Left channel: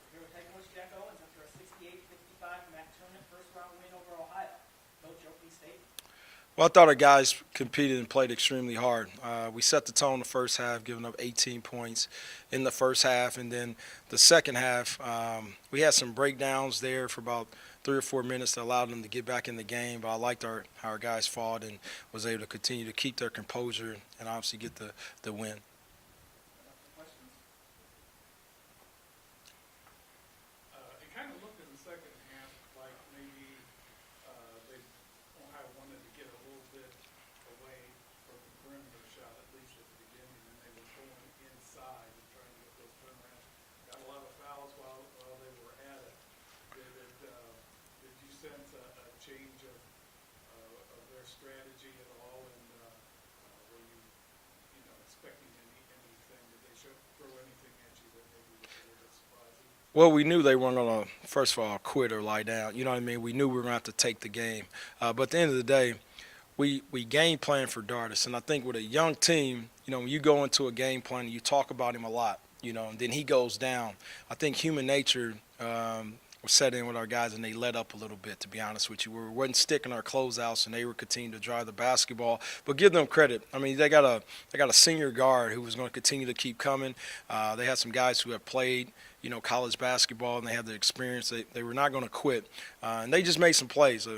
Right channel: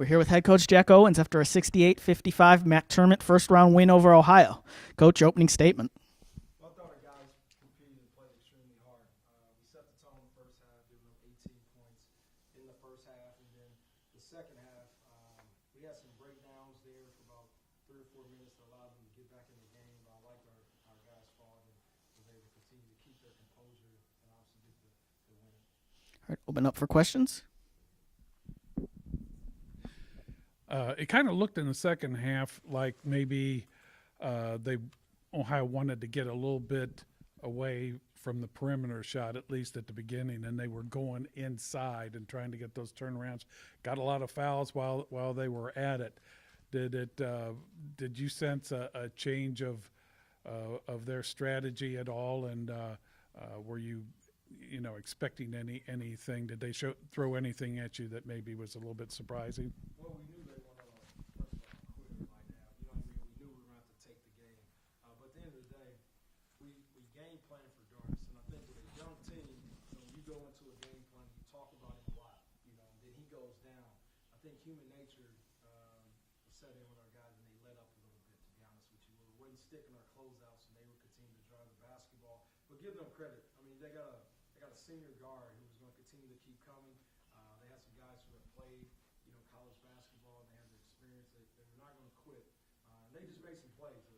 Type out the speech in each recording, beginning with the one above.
We're here with head coach Jack Owens after a 68-55 McDermott first-round win over Ohio. Coach, opening statement. Well, I thought our guys competed and played extremely hard. We set the tone the first half, giving up 18 points in the first half. And then the second half, we had some breakdowns there for about 3 or 4 minutes that allowed them to get back in the game. But I liked how our guys fought and was able to continue to keep their composure and obviously get the win. All right, open up for questions. It kind of looked in the second half like maybe Ohio wanted to get a little bit away from the perimeter shot, at least at the beginning, and they were going inside and trying to get those turnarounds. Got a lot of fouls while they were at it. Did you sense a change of their strategy at all? And were you expecting anything? Did they throw anything at you that maybe was a little bit surprising? Well, we knew they weren't going to, first of all, quit or lie down. You know what I mean? We knew we were going to have to take the game. But at the end of the day, we game plan for Dardis. And I think with a young team, when you go into a game plan, you talk about him a lot, and then he goes down. I think human nature was set in with our guys, and they let up a little bit, to be honest with you. We wasn't sticking our closeouts, and they were continuing to drive the basketball. But give them credit. I mean, they got a senior guard who was going to continue to keep coming. They had some guys who have played, college basketball, and they have the experience. They were not going to quit. And they just made some plays.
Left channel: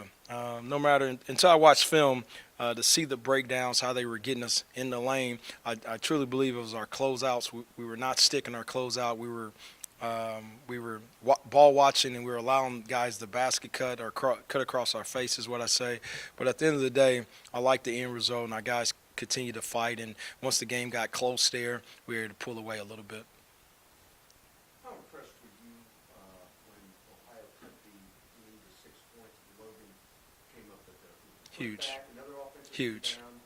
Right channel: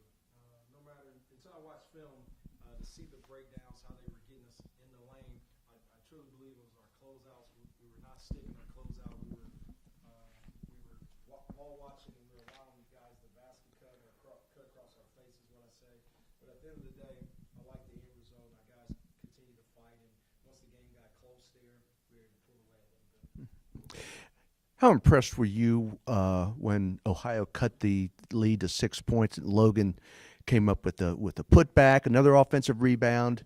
No matter – until I watched film, to see the breakdowns, how they were getting us in the lane, I truly believe it was our closeouts. We were not sticking our closeout. We were ball watching, and we were allowing guys to basket cut or cut across our face is what I say. But at the end of the day, I like the end result, and our guys continued to fight. And once the game got close there, we were able to pull away a little bit. How impressed were you when Ohio cut the lead to 6 points and Logan came up with a putback, another offensive rebound,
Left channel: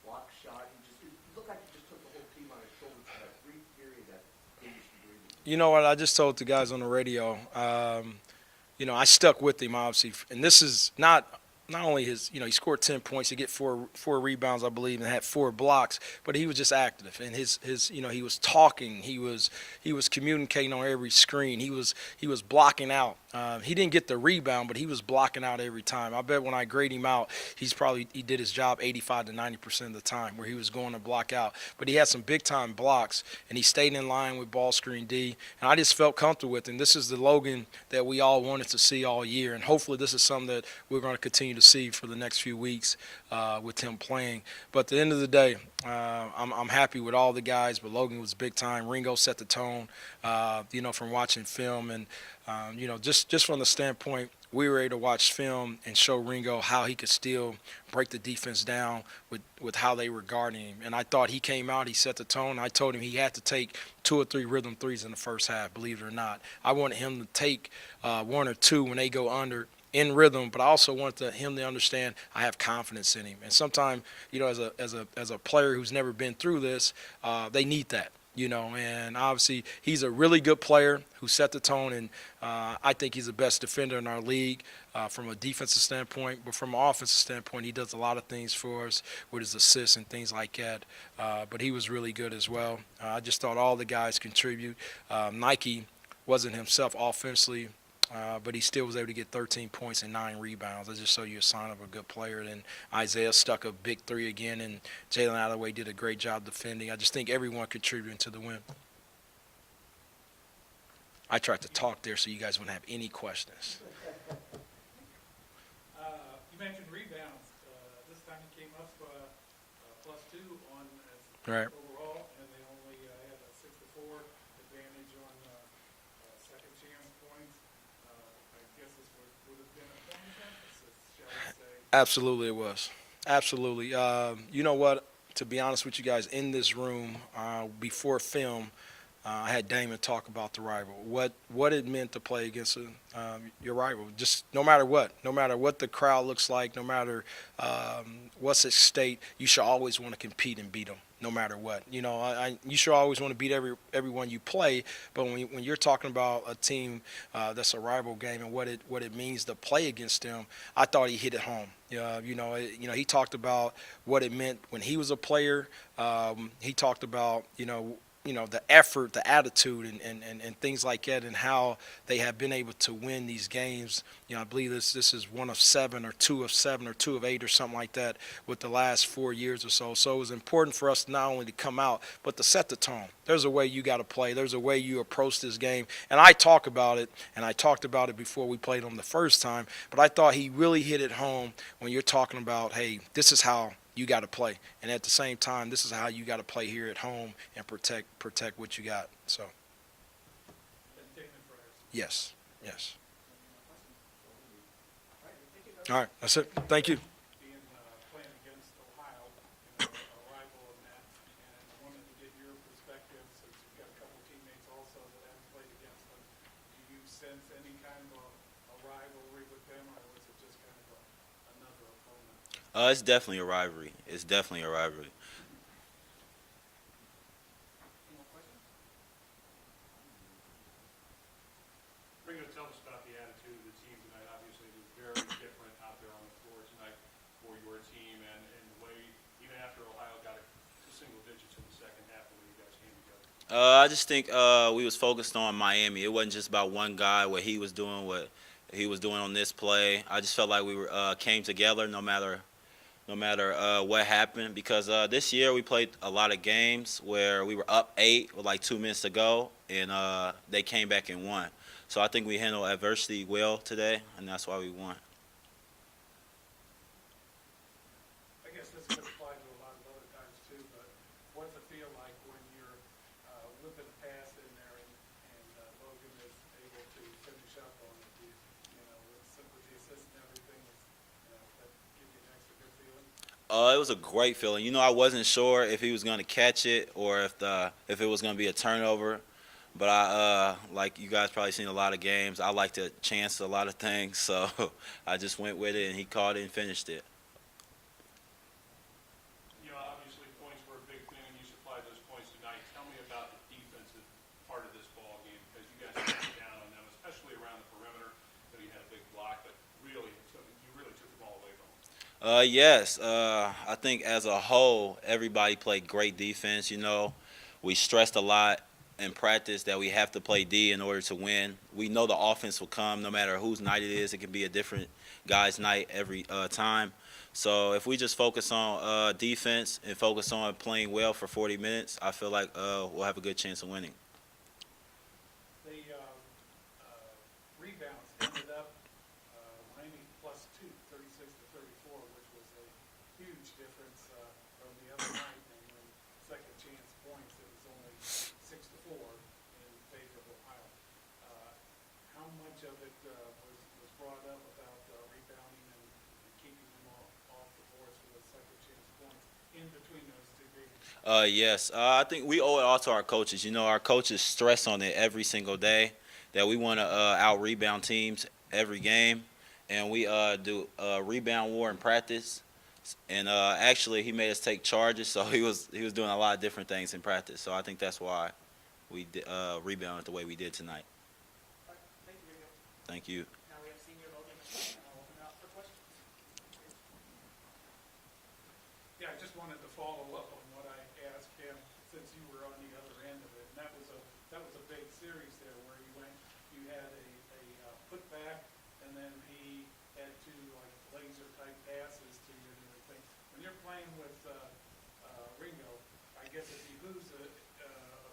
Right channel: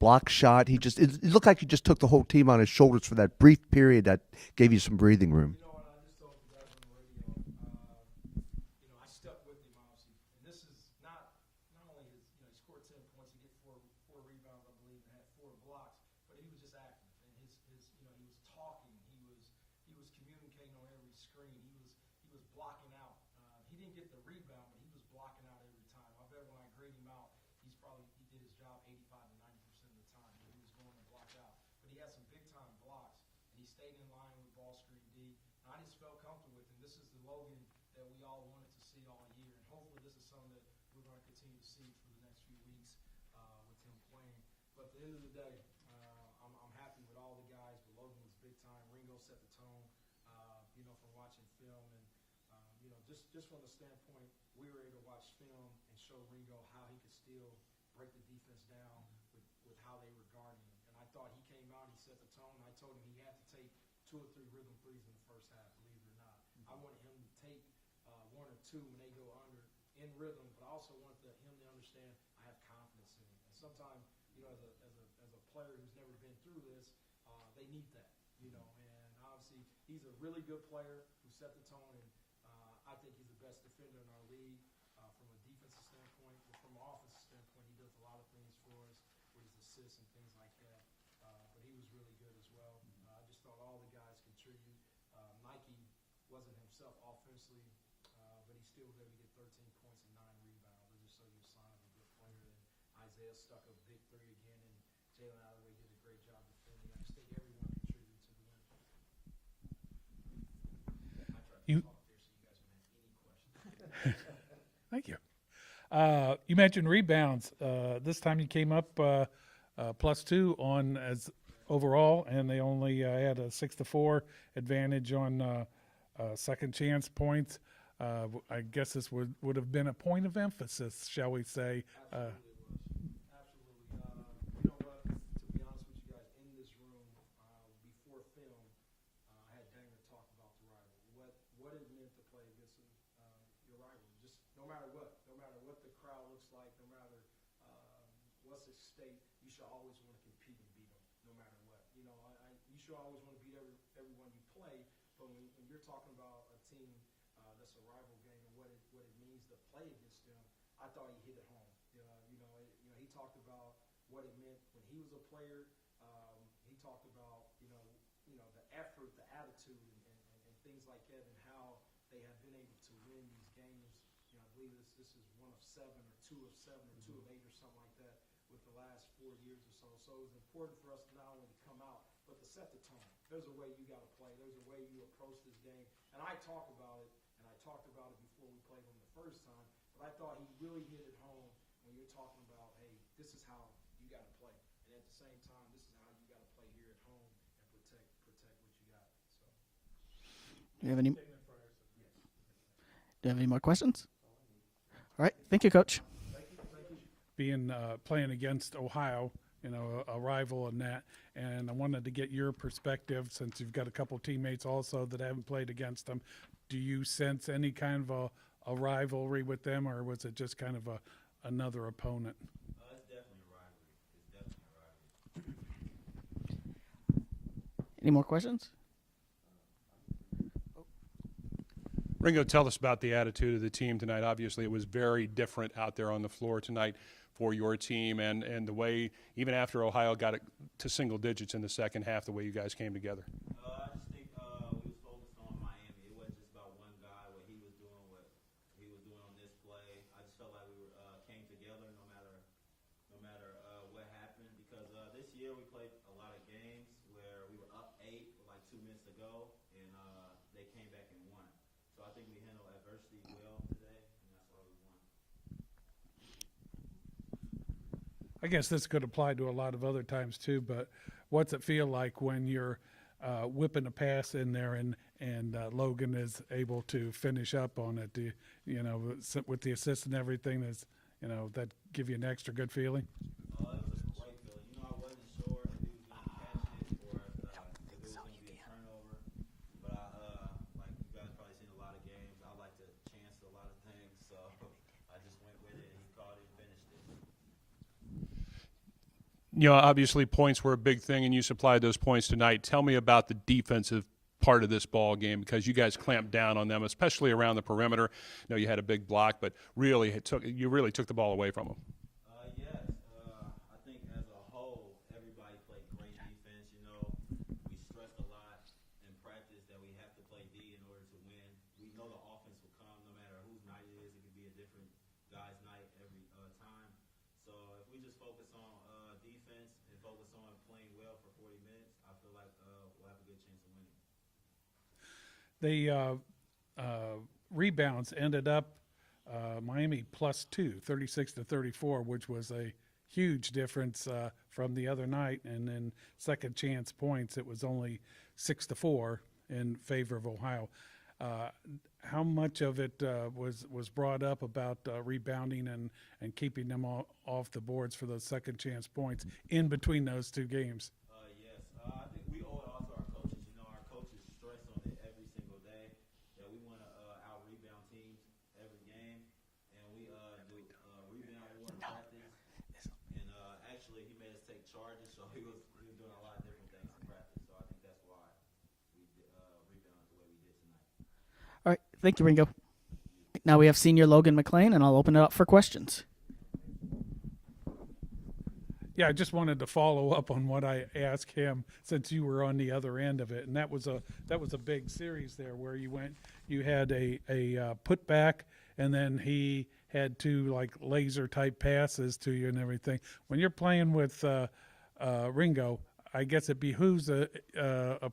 block shot? It looked like he just took the whole team on his shoulders for that brief period that gave you some breathing room. You know what? I just told the guys on the radio, I stuck with him, obviously. And this is not only his, he scored 10 points, he get four rebounds, I believe, and had 4 blocks, but he was just active. And his he was talking, he was communicating on every screen, he was blocking out. He didn't get the rebound, but he was blocking out every time. I bet when I grade him out, he did his job 85 to 90% of the time, where he was going to block out. But he had some big time blocks, and he stayed in line with ball screen D, and I just felt comfortable with him. This is the Logan that we all wanted to see all year, and hopefully this is something that we're going to continue to see for the next few weeks with him playing. But at the end of the day, I'm happy with all the guys, but Logan was big time. Ringo set the tone, from watching film, and just from the standpoint, we were able to watch film and show Ringo how he could still break the defense down with how they were guarding him. And I thought he came out, he set the tone. I told him he had to take 2 or 3 rhythm threes in the first half, believe it or not. I wanted him to take 1 or 2 when they go under in rhythm, but I also wanted him to understand I have confidence in him. And sometimes, as a player who's never been through this, they need that. And obviously he's a really good player who set the tone, and I think he's the best defender in our league from a defensive standpoint. But from an offensive standpoint, he does a lot of things for us with his assists and things like that. But he was really good as well. I just thought all the guys contribute. Nike wasn't himself offensively, but he still was able to get 13 points and 9 rebounds. That just show you a sign of a good player. Then Isaiah stuck a big 3 again, and Jalen Alloway did a great job defending. I just think everyone contributed to the win. I tried to talk there so you guys wouldn't have any questions. Thank you. You mentioned rebounds. This time you came up +2 on as right. overall, and they only had a 6-4 advantage on second chance points. I guess this would have been a point of emphasis, shall we say. Absolutely it was. Absolutely. You know what? To be honest with you guys, in this room, before film, I had Damon talk about the rival, what it meant to play against your rival. Just no matter what the crowd looks like, no matter what's at stake, you should always want to compete and beat them, no matter what. You should always want to beat everyone you play. But when you're talking about a team that's a rival game and what it means to play against them, I thought he hit it home. He talked about what it meant when he was a player. He talked about the effort, the attitude, and things like that, and how they have been able to win these games. I believe this is one of 7 or 2 of 7 or 2 of 8 or something like that with the last 4 years or so. So it was important for us not only to come out, but to set the tone. There's a way you got to play. There's a way you approach this game. And I talk about it, and I talked about it before we played them the first time, but I thought he really hit it home when you're talking about, hey, this is how you got to play, and at the same time, this is how you got to play here at home and protect what you got. So, Do you have any? Do yes. you have any more questions? All right. Thank you, Coach. All right, that's it. Thank you. Being playing against Ohio, a rival in that, and I wanted to get your perspective since you've got a couple teammates also that haven't played against them. Do you sense any kind of a rivalry with them, or was it just kind of another opponent? It's definitely a rivalry. It's definitely a rivalry. Any more questions? Ringo, tell us about the attitude of the team tonight. Obviously, it was very different out there on the floor tonight for your team, and the way, even after Ohio got it to single digits in the second half, the way you guys came together. I just think we was focused on Miami. It wasn't just about one guy, what he was doing on this play. I just felt like we came together no matter what happened, because this year we played a lot of games where we were up 8 with like 2 minutes to go, and they came back and won. So I think we handled adversity well today, and that's why we won. I guess this could apply to a lot of other times too, but what's it feel like when you're whipping a pass in there and Logan is able to finish up on it? Do with the assist and everything, that give you an extra good feeling? It was a great feeling. I wasn't sure if he was going to catch it or if it was going to be a turnover. But I, like you guys probably seen a lot of games, I like to chance a lot of things, so I just went with it, and he caught it and finished it. Obviously points were a big thing, and you supplied those points tonight. Tell me about the defensive part of this ball game, because you guys clamped down on them, especially around the perimeter. You had a big block, but you really took the ball away from them. Yes, I think as a whole, everybody played great defense. We stressed a lot in practice that we have to play D in order to win. We know the offense will come no matter whose night it is. It can be a different guy's night every time. So if we just focus on defense and focus on playing well for 40 minutes, I feel like we'll have a good chance of winning. The rebounds ended up Miami +2, 36-34, which was a huge difference from the other night. And then second chance points, it was only 6-4 in favor of Ohio. How much of it was brought up about rebounding and keeping them off the boards for those second chance points in between those two games? Yes, I think we owe it all to our coaches. Our coaches stress on it every single day that we want to out-rebound teams every game, and we do rebound war in practice. And actually, he made us take charges, so he was doing a lot of different things in practice. So I think that's why we rebounded the way we did tonight. All right. Thank you, Ringo. Thank you. Now we have senior Logan McLean, and I'll open it up for questions. Yeah, I just wanted to follow up on what I asked him since you were on the other end of it, and that was a big series there where you had a putback, and then he had 2 like laser type passes to you and everything. When you're playing with Ringo, I guess it behooves a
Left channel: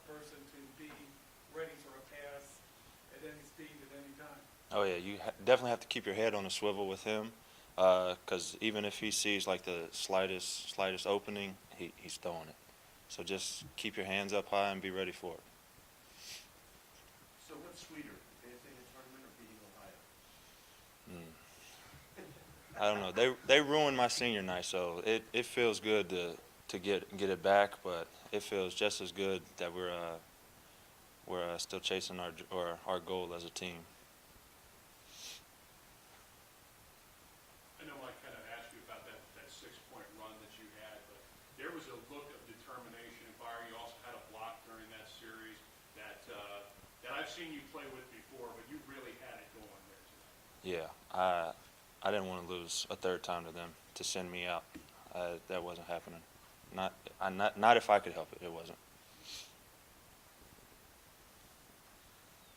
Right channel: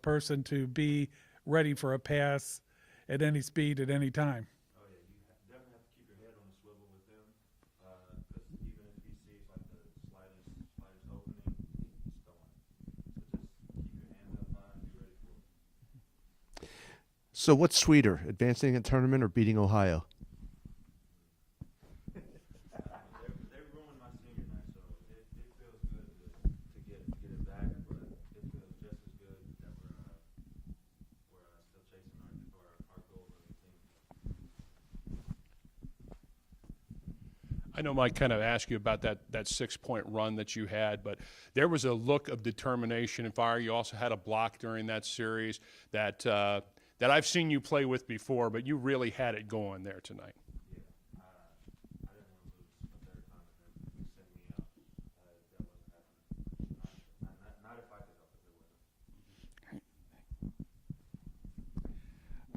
person to be ready for a pass at any speed at any time. Oh yeah, you definitely have to keep your head on a swivel with him, because even if he sees like the slightest opening, he's throwing it. So just keep your hands up high and be ready for it. So what's sweeter, advancing a tournament or beating Ohio? I don't know. They ruined my senior night, so it feels good to get it back, but it feels just as good that we're still chasing our goal as a team. I know Mike kind of asked you about that 6-point run that you had, but there was a look of determination and fire. You also had a block during that series that I've seen you play with before, but you really had it going there tonight. Yeah, I didn't want to lose a third time to them to send me out. That wasn't happening. Not if I could help it. It wasn't.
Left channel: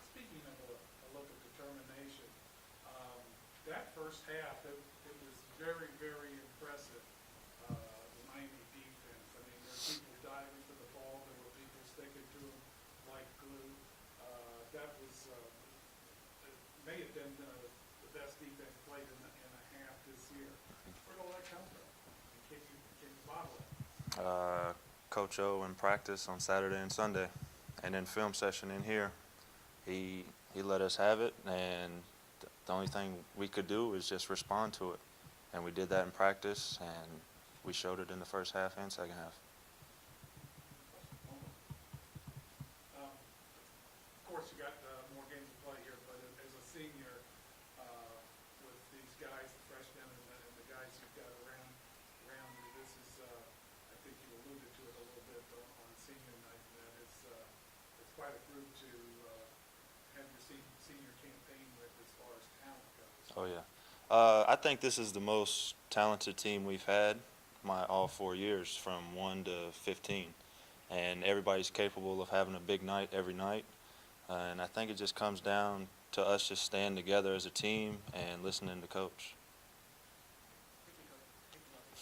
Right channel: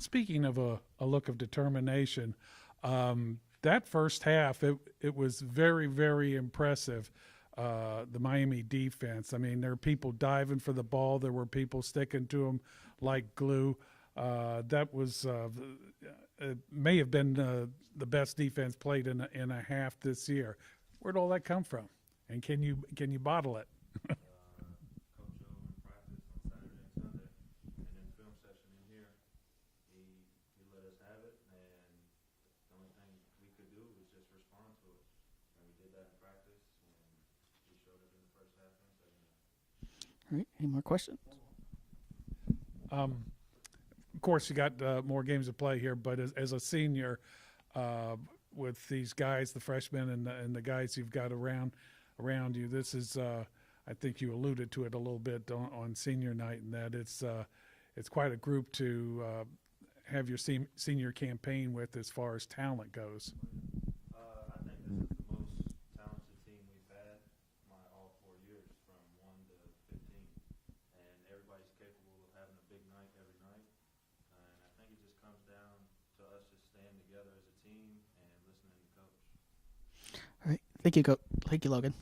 speaking of a look of determination, that first half, it was very, very impressive, the Miami defense. I mean, there were people diving for the ball. There were people sticking to them like glue. That was it may have been the best defense played in a half this year. Where'd all that come from? And can you bottle it? Coach O in practice on Saturday and Sunday, and then film session in here. He let us have it, and the only thing we could do is just respond to it. And we did that in practice, and we showed it in the first half and second half. All right, any more questions? Of course, you got more games to play here, but as a senior, with these guys, the freshmen and the guys you've got around you, this is, I think you alluded to it a little bit on senior night, and that it's quite a group to have your senior campaign with as far as talent goes. Oh yeah, I think this is the most talented team we've had all 4 years, from 1 to 15, and everybody's capable of having a big night every night. And I think it just comes down to us just staying together as a team and listening to coach. All right, thank you, Coach. Thank you, Logan.